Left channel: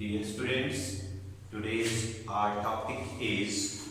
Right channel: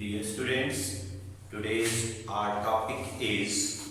Dear students, today's our topic is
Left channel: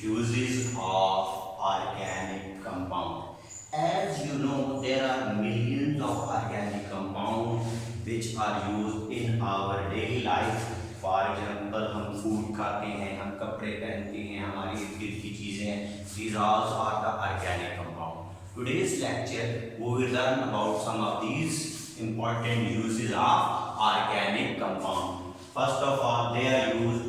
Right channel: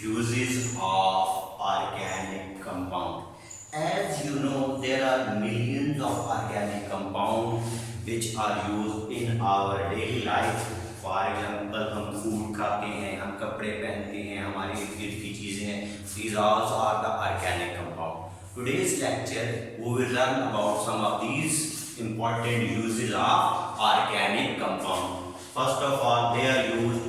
uses of organic compound. As you know, there are millions of organic compounds which are used in our daily life. For example, हम food खाते हैं, हम कपड़े पहनते हैं, हमारी इर्द गिर्द की चीज़ें हैं. These also are the organic compound. Today's lecture we will learn about some of these important uses of organic compound. First of all they are used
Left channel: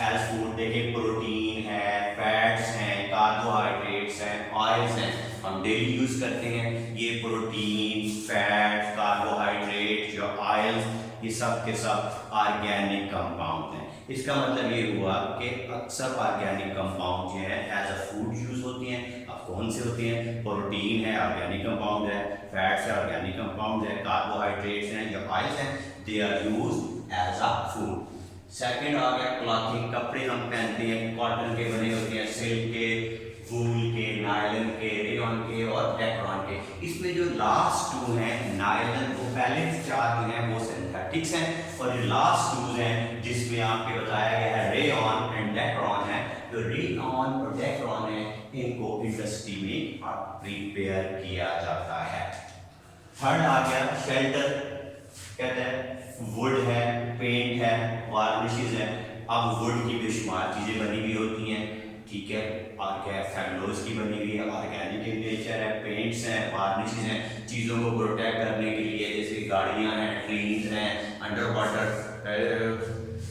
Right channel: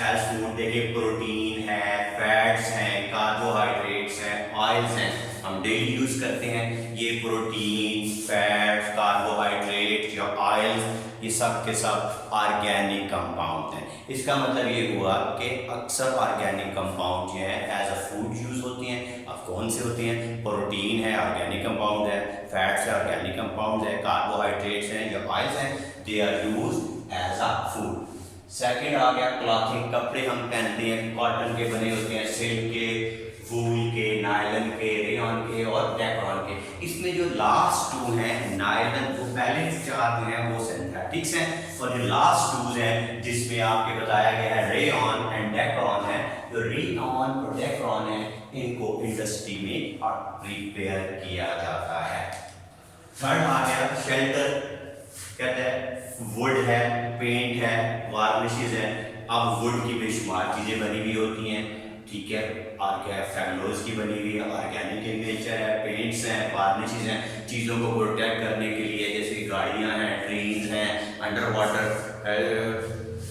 as food. देखिए प्रोटीन है, फैट्स हैं, कार्बोहाइड्रेट्स हैं, oils हैं, हम daily use करते हैं. ये protein, fats, carbohydrate या ऑयल्स, ये सब के सब ऑर्गेनिक कंपाउंड हैं. इसका मतलब ये हुआ कि अक्सर ऑर्गेनिक कंपाउंड जो है एज अ फूड यूज होते हैं. अब कौन से होते हैं? प्रोटीन है, ऑर्गेनिक कंपाउंड है, फैट्स है, ऑर्गेनिक कंपाउंड है, कार्बोहाइड्रेट्स हैं या ऑयल्स हैं, they are used as a food. Second आ गया क्लॉथिंग. कपड़े हम पहनते हैं, कॉटन के बने होते हैं, सिल्क के, वूल के, नायलन के, रेयॉन के और डेक्रॉन के. इसमें जो लास्ट टू हैं नायलन, वो पहले चार जो हैं वो सिंथेटिक्स हैं, और जो लास्ट टू हैं जिसमें आपके बताया गया है रेयॉन एंड डेक्रॉन है, जो रेयॉन और डेक्रॉन है इनको इंडस्ट्री में प्रिपेयर किया जाता है. थर्ड आ गया शेल्टर. कहते हैं वुड है, पेंट है, वार्निशेस हैं. अब वुड की बेशुमार चीज़ें बनी हुई होती हैं, ठीक है, और क्या फेमलोज की बनी हुई है, ऑर्गेनिक इन नेचर है, पेंट्स हैं, वार्निशेस हैं, चीज़ों को प्रोटेक्ट करने के लिए, जैसे गाड़ियाँ हैं, ट्रेन्स हैं, अंडर वाटर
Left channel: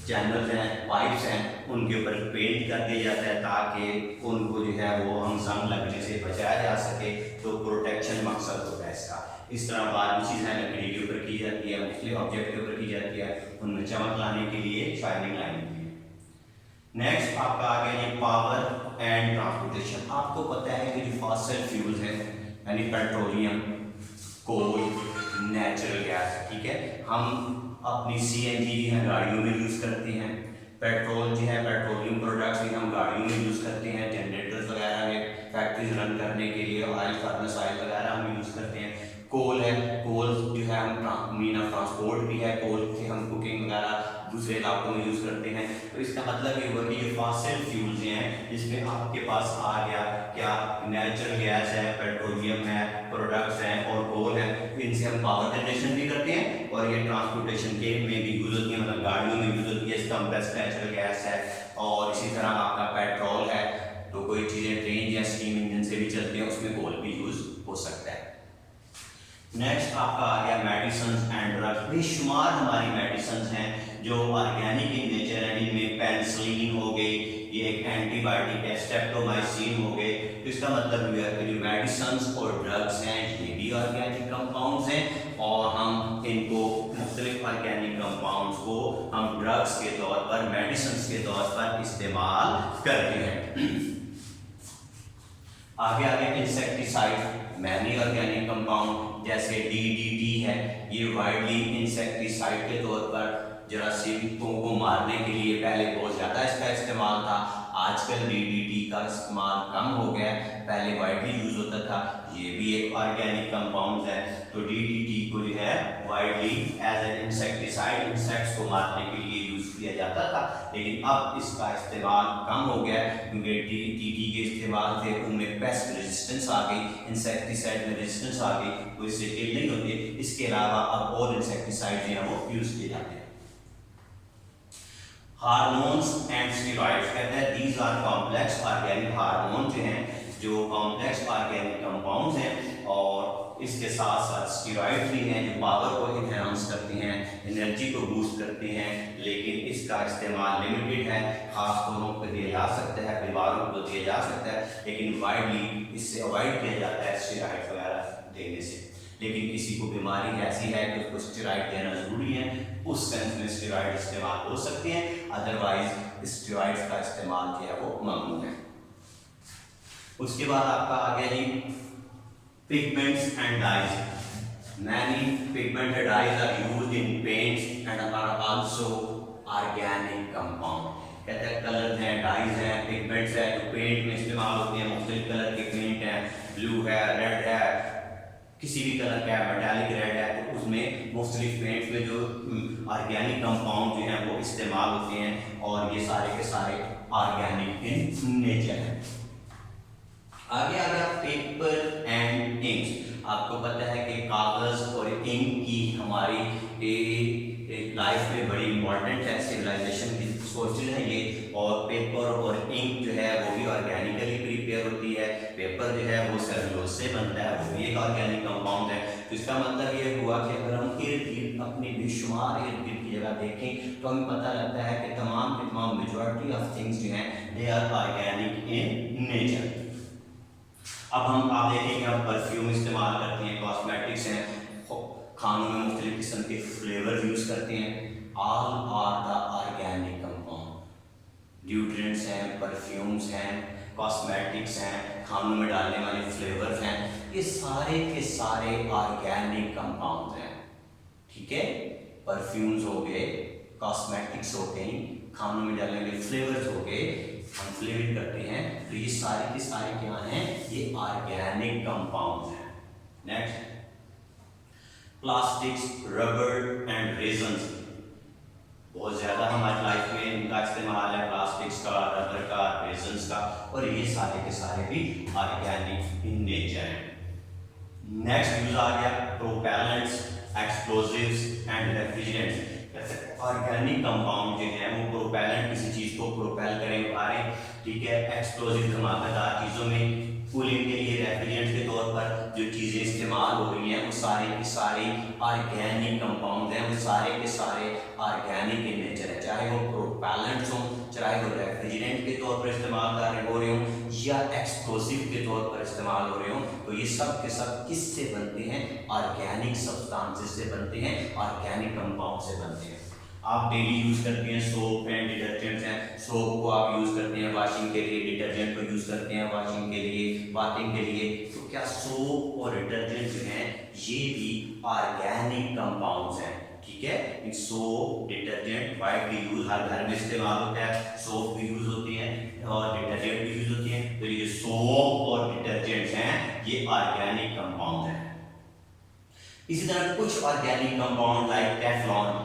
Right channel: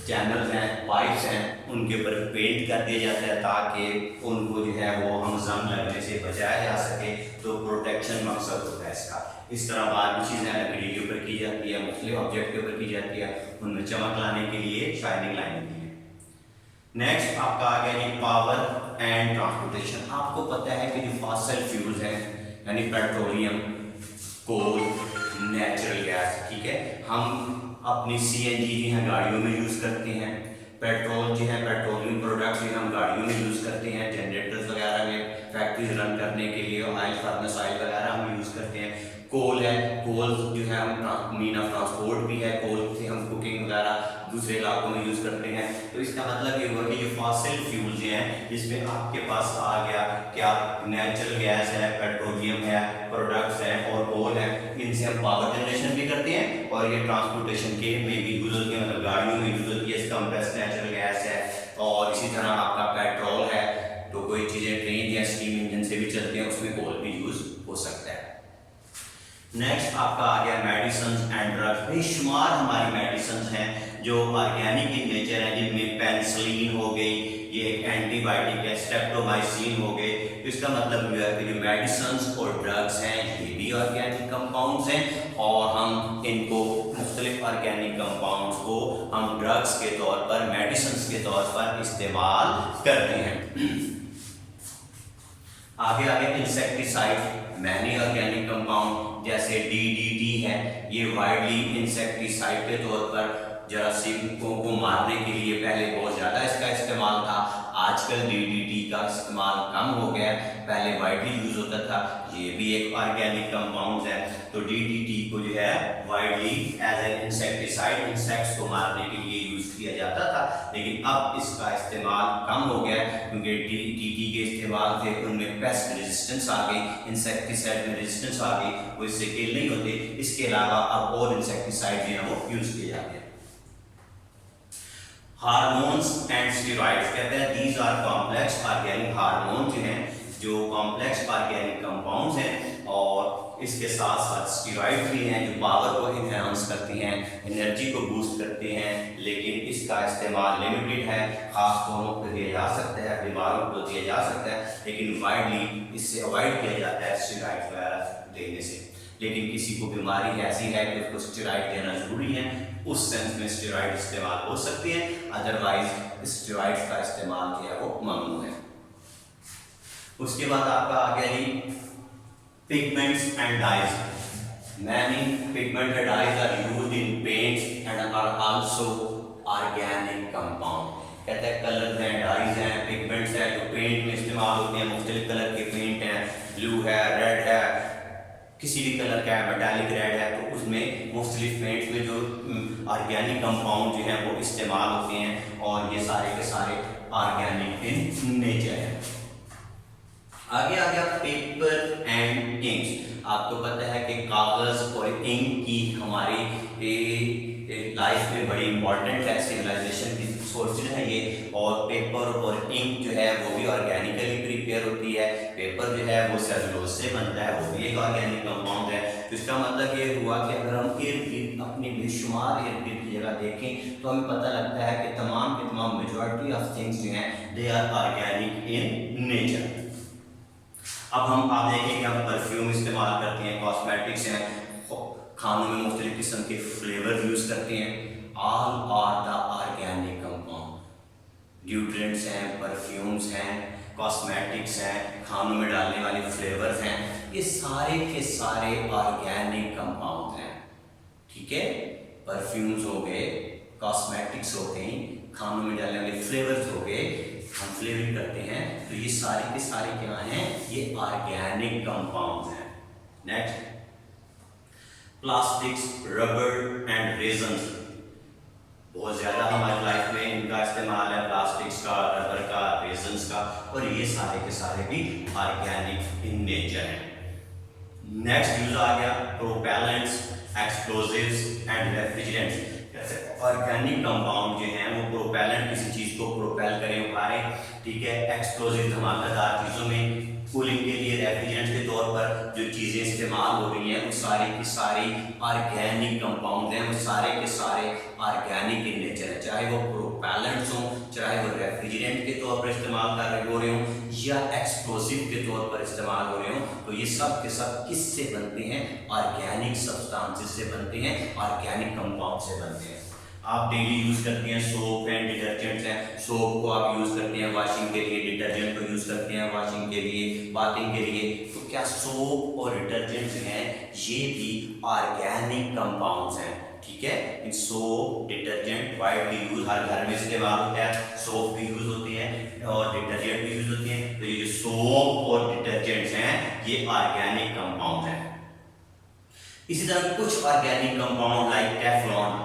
चैनल्स हैं, पाइप्स हैं, उनके ऊपर पेंट कर दिया जाता है ताकि उनको जो है वो हम जंग लगने से बचाया जा सके. तो प्रोटेक्शन मकसद होता है इसका. इस तरह बाहर भी चीज़ें लकड़ी के ऊपर की जाती है, मुख्तलिफ ऑब्जेक्ट के ऊपर की जाती है, उनमें चमक लाने के लिए, शाइनिंग लाने के लिए. नेक्स्ट आपका आ गया जी पावर एंड ट्रांसपोर्टेशन. आपको पता है कि जो फॉसिल फ्यूल्स हैं यानी पेट्रोलियम, कोल, नेचुरल गैस, ठीक है, हम अपनी CNG जो है गाड़ियों में यूज़ करते हैं. पेट्रोल जो है पेट्रोलियम प्रोडक्ट्स जो हम गाड़ियों में यूज़ करते हैं, जनरेटर्स वगैरह में, फैक्ट्रीज रन करने के लिए, ऑयल फर्नेस ऑयल वगैरह हम यूज़ करते हैं. कोल है, कोल जो है हम मीन ऑफ ट्रांसपोर्ट भी है, कोल से हम कुकिंग वगैरह दूसरे इलाकों में यूज़ करते हैं. तो इसका मतलब ये हुआ कि ये फॉसिल फ्यूल्स जो हैं जिसमें आपके पास आ गया क्या, नेचुरल गैस है, पेट्रोलियम है, प्रोडक्ट्स हैं और कोल है, इनसे हम पावर जनरेशन भी करते हैं और ये ट्रांसपोर्टेशन के में भी यूज़ होती है, मतलब गाड़ियों में यूज़ होती है. इसका कंप्रेस्ड नेचुरल गैस है. और इसी तरह आपका पेट्रोल है, तो कोई चीज़ें ट्रेन या स्टीम इंजन से भी चलती हैं, उसमें कोल भी यूज़ हो सकता है. नेक्स्ट आपका आ गया मेडिसिन एंड ड्रग्स. बेशुमार हमारी मेडिसिन हैं जो ऑर्गेनिक इन नेचर है, जिनमें पेनिसिलिन हो गई, ये एक एंटीबायोटिक है, स्ट्रेप्टोमाइसिन हो गए. तो इसका मतलब यह है कि जो मेडिसिन और ड्रग्स हैं ये भी ऑर्गेनिक कंपाउंड्स हैं, और हम इनको मुख्तलिफ ऑर्गेनिक कंपाउंड्स को हम ड्रग्स के तौर पर, मेडिसिन के तौर पर इस्तेमाल करते हैं. आगे आगे इंसेक्टिसाइड, मैनी ऑर्गेनिक कंपाउंड जैसे DDT है, ये वाइडली इंसेक्टिसाइड के तौर पर जरासीमों को मारने के लिए पहले बहुत ज़्यादा इसका इस्तेमाल था. आजकल DDT का इस्तेमाल कम हो गया, पहले वाइडली यूज़ होता था. ये भी एक ऑर्गेनिक कंपाउंड है. तो DDT को जो है widely as an insecticide, insects को मारने के लिए यूज़ किया जाता था, लेकिन अब इसका इस्तेमाल कम हो गया क्योंकि DDT के इस्तेमाल से उनमें पेस्ट रेजिस्टेंस आ गई, इंसेक्टिसाइड में रेजिस्टेंस आ गई, वो इससे किल नहीं होते. इसके अलावा अब और इंसेक्टिसाइड जो है वो यूज़ किए जाते हैं. Hormones and steroids. कहते हैं these are complex organic hormone जो हैं, जो कॉम्प्लेक्स ऑर्गेनिक कंपाउंड्स हैं, और इसके साथ साथ स्टेरॉइड भी हैं जो पावर को इन्हांस करती हैं, एनर्जी को बूस्ट करते हैं, लेकिन इसका इस्तेमाल लिमिटेड है. खास तौरों पर दिया जा सकता है, बीमारों को दिया जा सकता है, लेकिन वाइडली इससे अवॉइड किया जाता है स्टेरॉइड वगैरह देने से. लेकिन किसी को बीमारी ऐसी है कि उसको स्टेरॉइड लेना ज़रूरी है, उस सेंस में स्टेरॉइड इस्तेमाल हो सकते हैं, अदरवाइज स्टेरॉइड्स का इस्तेमाल जो है वो ममनू है. उसके बाद आपका आ गया जी pigments and dyes. Many pigment and dyes are used in paints and are also organic compound. कहते हैं कलर हैं, डाइज हैं, पिगमेंट्स हैं जो पेंट में इस्तेमाल होते हैं. मुख्तलिफ कलर के पेंट हैं, ब्लू है, रेड है, किसी भी कलर का है, मेटालिक रेड है, तो उसमें मुख्तलिफ पेंट्स में जो ऑर्गेनिक कंपाउंड जो हैं वो इस्तेमाल होते हैं और ये सारे के सारे ऑर्गेनिक इन नेचर हैं। आगे आ गया पेपर एंड इंक्स। आपको पता है कि कागज़ और इंक की हमारी लाइफ में बड़ी इंपॉर्टेंट है, सिविलाइजेशन की सोर्सेज हैं ये। और पेपर और इंक जो है वो भी ऑर्गेनिकली प्रिपेयर होती है। पेपर जो है वो सेलुलोज से बनता है, वो भी एक ऑर्गेनिक कंपाउंड है। तो इसका मतलब ये हुआ कि अगर हम इर्द गिर्द अपनी बेशुमार इर्द गिर्द की जगह देखें तो हमें पता लगता है कि तमाम के तमाम मेजॉरिटी ऑफ थिंग्स जो हैं they are organic in nature. अब आप देखेंगे हम परफ्यूम इस्तेमाल करते हैं, कॉस्मेटिक्स हैं, खानों में मुख्तलिफ किस्म के फ्लेवर यूज़ करते हैं। All are the organic compound. Deodorants हैं, परफ्यूम्स हैं, कॉस्मेटिक्स हैं, खानों में डालने वाले फ्लेवर्स हैं, ये सारे के सारे ऑर्गेनिक कंपाउंड हैं। ठीक है, परफ्यूम्स हो गए, कॉस्मेटिक्स हो गई, खानों में डालने वाले फ्लेवर्स हो गए, हम फ्लेवरिंग करते हैं, तो ये सारे के सारे क्या हैं, ये ऑर्गेनिक कंपाउंड्स हैं। Next, plastics, rubber and resins. बहुत ज़्यादा हमारी लाइफ में इनका इस्तेमाल है, प्लास्टिक्स का, रबर का, रेजन्स का, और ये सारे के सारे भी ऑर्गेनिक इन नेचर हैं। नेक्स्ट यूज आ गया propellants, explosives and refrigerants. Organic compound जो हैं वो प्रोपेलेंट, किसी चीज़ को प्रोपेल करें, उभारें, ठीक है। एक्सप्लोजिव, धमाकेदार चीज़ों में कूलिंग के लिए रेफ्रिजरेंट के तौर पर जो चीज़ें इस्तेमाल हो रही हैं वो सारी की सारी ऑर्गेनिक कंपाउंड हैं, वो सारे के सारे ऑर्गेनिक इन नेचर है। चाहे वो प्रोपेलेंट्स हों, चाहे वो रेफ्रिजरेंट के तौर पर इस्तेमाल हो रहे हों या एक्सप्लोसिव के तौर पर इस्तेमाल हो रहे हों, तो ये सब के सब किससे बनते हैं, ऑर्गेनिक सब्सटेंसेस से बनते हैं, ऑर्गेनिक कंपाउंड से बनते हैं। आप डेली यूज़ करते हैं सोप एंड डिटर्जेंट्स हैं, सोप को आप यूज़ करते हैं वॉशिंग के लिए, डिटर्जेंट को यूज़ करते हैं वॉशिंग के लिए, बाथिंग के लिए। तो क्या सोप और डिटर्जेंट जो हैं ये भी ऑर्गेनिक कंपाउंड्स हैं, ठीक है। In soap, detergent widely use, हर घर में इस्तेमाल होता है, सोप भी यूज़ होते हैं और डिटर्जेंट भी यूज़ होते हैं। तो ये जो सोप और डिटर्जेंट्स हैं ये ऑर्गेनिक कंपाउंड हैं। इसी तरह कुछ ऑर्गेनिक कंपाउंड लाइक टेफ्लॉन,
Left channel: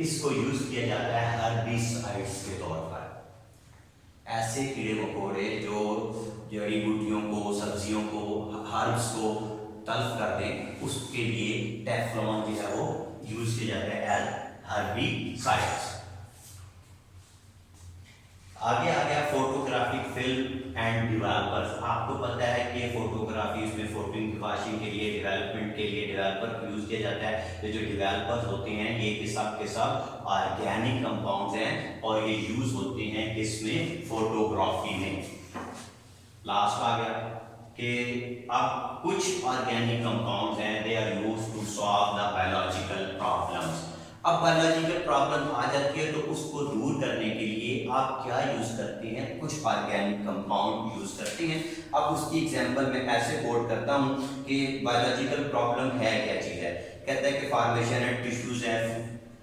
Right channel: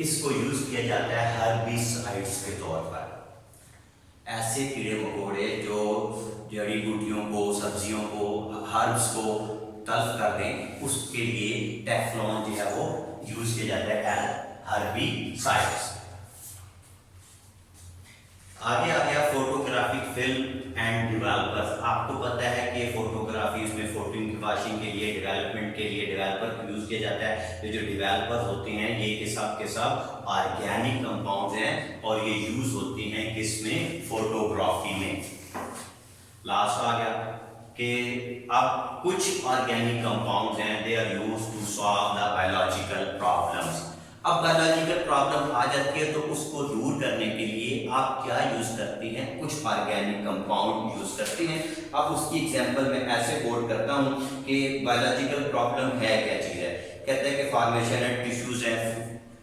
इसको यूज किया जाता है हर्बिसाइड्स के तौर पर। ऐसे कीड़े मकोड़े जो जड़ी बूटियों को, सब्जियों को, हर्ब्स को तल्फ कर दें, उसके लिए टेफ्लॉन जो है वो यूज किया जाता है एज हर्बिसाइड्स। आगे आ गया फोटोग्राफिक फिल्म एंड डेवलपर्स। आपको पता है कि ये फोटोग्राफी, इसमें फोटोग्राफी के लिए, डेवलपमेंट के लिए डेवलपर यूज किया जाता है। ये जो डेवलपर्स होते हैं ये के सब ऑर्गेनिक कंपाउंड्स हैं और ये यूज होते हैं किसमें, फोटोग्राफी में। लास्ट आ गया कि अब कुछ ऑर्गेनिक कंपाउंड्स हैं they are used to solve the biological problems. अब बायोलॉजिकल प्रॉब्लम आ जाती है तो उसको दूर करने के लिए आप क्या यूज करते हैं, कुछ ऑर्गेनिक कंपाउंड यूज करते हैं। अब उसकी एग्जांपल मैं ऐसे कोट करता हूं कि बायोलॉजिकल प्रॉब्लम है क्या चीज़ है। कहता है कि फॉर्मेशन है, टिश्यूज है,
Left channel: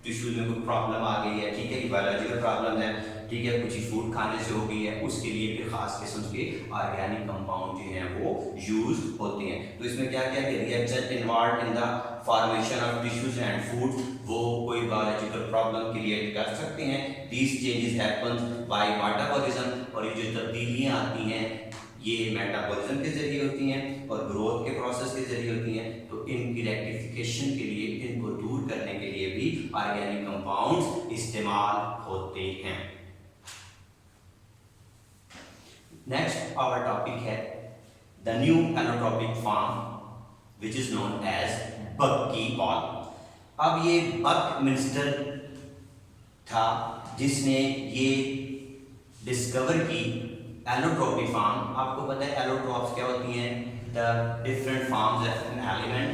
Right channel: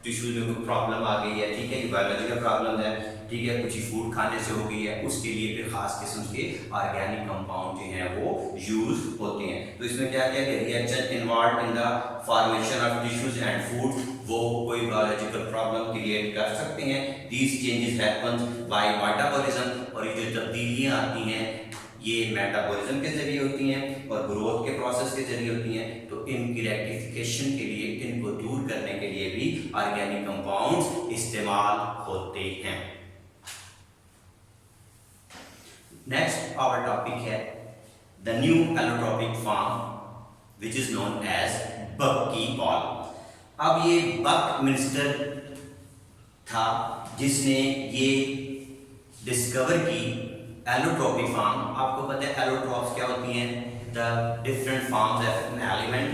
टिश्यूज में कोई प्रॉब्लम आ गई है, ठीक है, ये बायोलॉजिकल प्रॉब्लम है, ठीक है, कुछ फूड खाने से हो गई है, उसके लिए फिर खास किस्म के ऑर्गेनिक कंपाउंड जो हैं वो यूज होते हैं। तो इसमें क्या क्या reaction involve in the formation of tissues and food, वो कोई बायोलॉजिकल प्रॉब्लम क्रिएट कर सकते हैं। These changes happens by metabolism, और ये जो तब्दीलियाँ आती हैं ये मेटाबॉलिज्म के जरिए होती हैं और ग्रोथ के प्रोसेस के जरिए होती हैं। तो इनकी रेक्टिफिकेशन के लिए, इनको दूर करने के लिए भी ऑर्गेनिक कंपाउंड्स इस्तेमाल होते हैं। नेक्स्ट आवर टॉपिक है the new allotropic form which is known as bucky ball. अब ये बक मिनिस्टर था जिसने ये डिस्कवर की एलोट्रोपिक फॉर्म। आपको पता है एलोट्रोप्स क्या होती हैं, the different forms of an element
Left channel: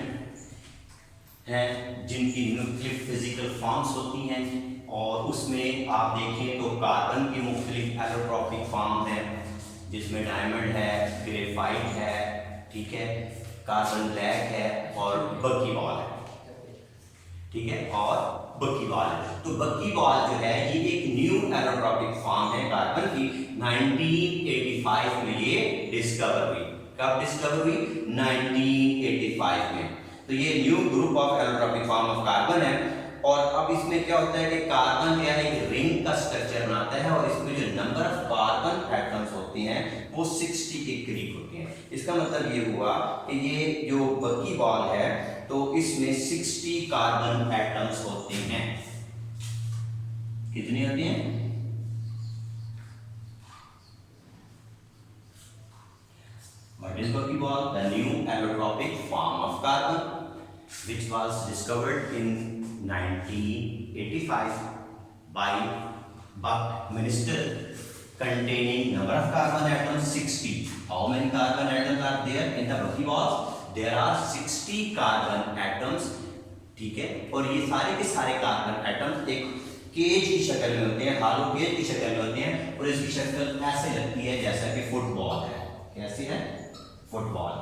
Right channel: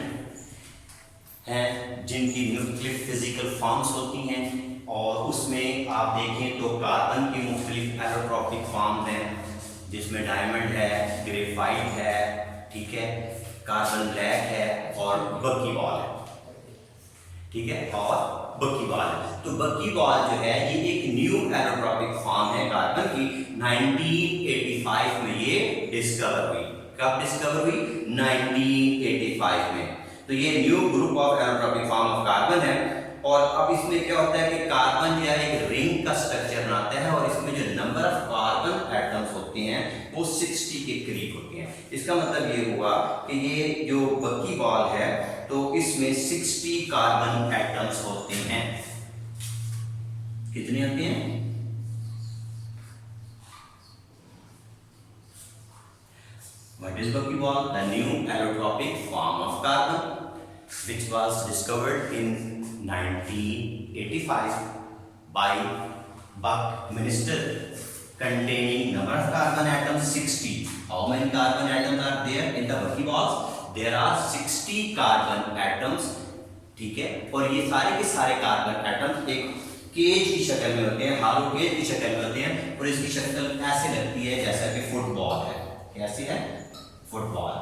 हैं जिनकी न्यूक्लियर फिजिकल फॉर्म्स होती हैं, और उसमें आप देखें तो कार्बन की मुख्तलिफ एलोट्रोपिक फॉर्म्स हैं जिसमें डायमंड है, ग्रेफाइट है, ठीक है, कार्बन ब्लैक है और बकी बॉल है, ठीक है, और बकी बॉल है। तो बकी बॉल जो है ये एक न्यू एलोट्रोपिक फॉर्म है कार्बन की। 1985 में ये डिस्कवर हुई। कब डिस्कवर हुई? 1985 में। तो ये new group of allotropic form of carbon है। और अब इसमें क्या होता है कि कार्बन क्या है, एक रिंग का स्ट्रक्चर बनाता है और इसमें जो नंबर ऑफ कार्बन एटम्स होते हैं वो 60 के करीब होते हैं। इसका मतलब ये हुआ कि ये जो बकीबॉल है तो इसमें 60 कार्बन एटम्स होते हैं। कितने होते हैं? What is buckyball? The new allotropic form of carbon, which was discovered in 1985 by Buckminster, containing number of carbon atoms 60. How many carbon atoms are there in the buckyballs? There are 60 carbon atoms. ठीक है, और ये सारे के सारे carbon atoms एक cage की शक्ल में होते हैं, हालो केज की शक्ल में होते हैं और इसकी शक्ल ऐसे लगती है जैसा कि फुटबॉल है। कैसे है? फुटबॉल।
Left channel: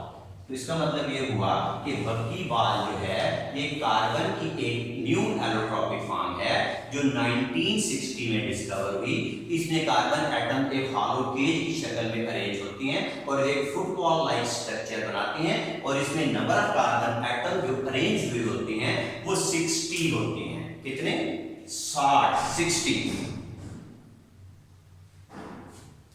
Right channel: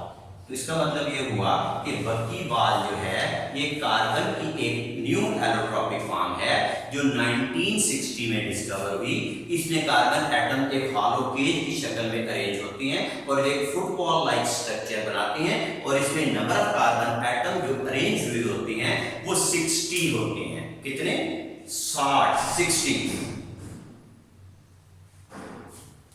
तो इसका मतलब ये हुआ कि बकीबॉल जो है ये कार्बन की एक न्यू एलोट्रॉपिक फॉर्म है जो 1960 में डिस्कवर हुई। इसमें कार्बन एटम एक हॉलो केज की शक्ल में अरेंज होती हैं और एक फुटबॉल लाइक स्ट्रक्चर बनाते हैं और इसमें नंबर ऑफ कार्बन एटम जो अरेंज हुए होते हैं वो 60 होते हैं। कितने? 60।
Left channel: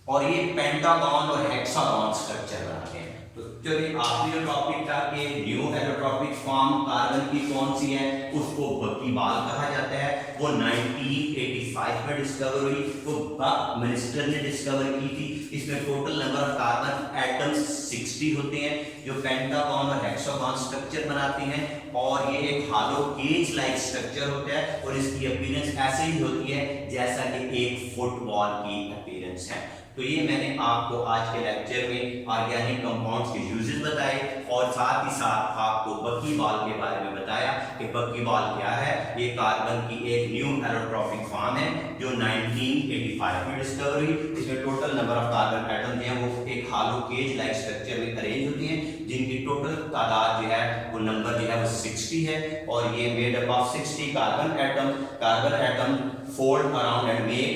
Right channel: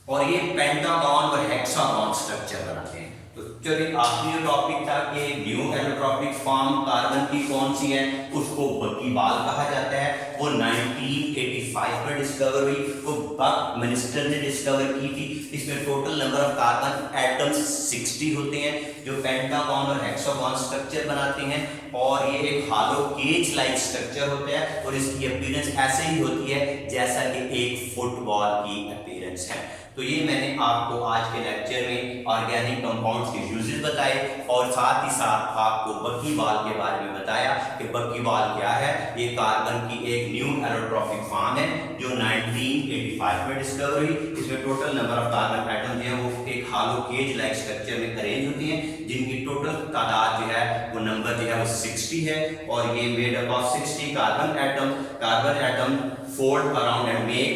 और ये पेंटागन और हेक्सागन स्ट्रक्चर बनाते हैं। तो चलिए आखिरी जो टॉपिक था कि न्यू एलोट्रॉपिक फॉर्म कार्बन की कौन सी है, उसको बकीबॉल कहा जाता है। वो 1985 में डिस्कवर हुई, वो बकमिंस्टर ने डिस्कवर की थी। इसमें total number of carbon atoms 60 होते हैं जो पेंटागन और हेक्सागन स्ट्रक्चर बनाते हैं और ये एक हालो केज लाइक स्ट्रक्चर होता है और इसकी अपीयरेंस ऐसे ही होती है जैसा कि एक फुटबॉल की अपीयरेंस है। तो ये मैंने आपको आज के लेक्चर में ऑर्गेनिक कंपाउंड्स के यूजेस बताए और साथ ही साथ आपको बकीबॉल के बारे में बताया कि बकीबॉल क्या है। ये कार्बन की एक न्यू एलोट्रॉपिक फॉर्म है जो 1985 में डिस्कवर हुई। इसमें total number of carbon atom जो है वो एक हालो केज लाइक स्ट्रक्चर में अरेंज होते हैं जिनकी टोटल तादाद जो है वो नंबर जो है वो 60 है और ये made up of 60 carbon atom. Carbon atom fold around and make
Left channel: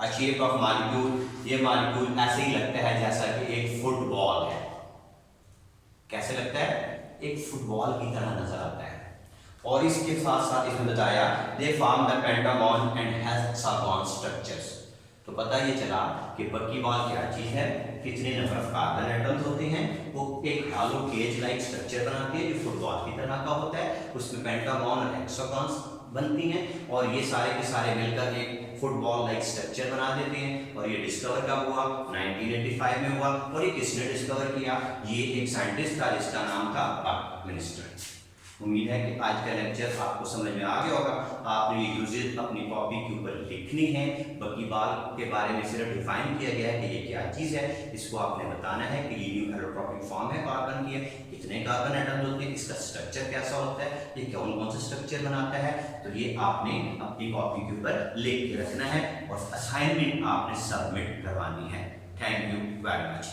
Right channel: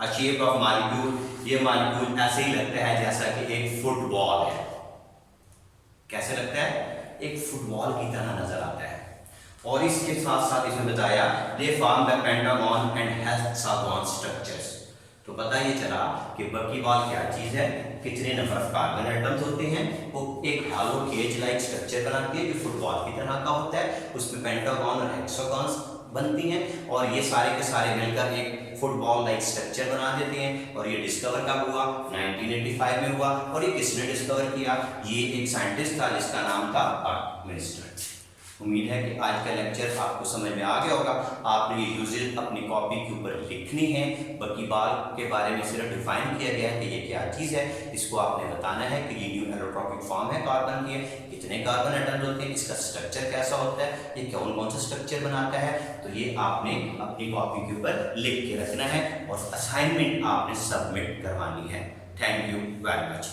a shape of molecule. ये मॉलिक्यूल ऐसे ही लगता है जैसा कि एक फुटबॉल है। कैसे लगता है? एक फुटबॉल की तरह नजर आता है। और इसके साथ साथ इसमें बताया they form the pentagon and hexagon structures. तो पता ये चला कि बकीबॉल क्या चीज है, कितने नंबर ऑफ कार्बन एटम्स होते हैं, वो एक हालो केज लाइक स्ट्रक्चर बनाती है जो फुटबॉल की तरह का होता है। उसमें पेंटागन और हेक्सागन बनती हैं और ये सारे के सारे मिलकर एक फुटबॉल लाइक स्ट्रक्चर बना देते हैं। और ये डिस्कवर कब हुआ? 1985 में हुआ। और ये किसने डिस्कवर किया? ये एक साइंटिस्ट था जिसका नाम था बकमिंस्टर। उम्मीद है कि आज का लेक्चर आपको समझ में आ गया होगा। आपने ये यूजेस अपनी कॉपी के ऊपर लिखनी है। बकीबॉल के बारे में सिर्फ डिफाइन किया गया है कि ये क्या चीज़ है। इसको आपने बताना है कि ये न्यू एलोट्रॉपिक फॉर्म है कार्बन की, कितने कार्बन एटम्स होते हैं, इसका स्ट्रक्चर कैसा होता है, ये कौन कौन सा स्ट्रक्चर बनाता है। तो ये आपने अपनी कॉपी के ऊपर लिख के रखना है और असाइनमेंट आपने सबमिट करवानी है। Thank you very much.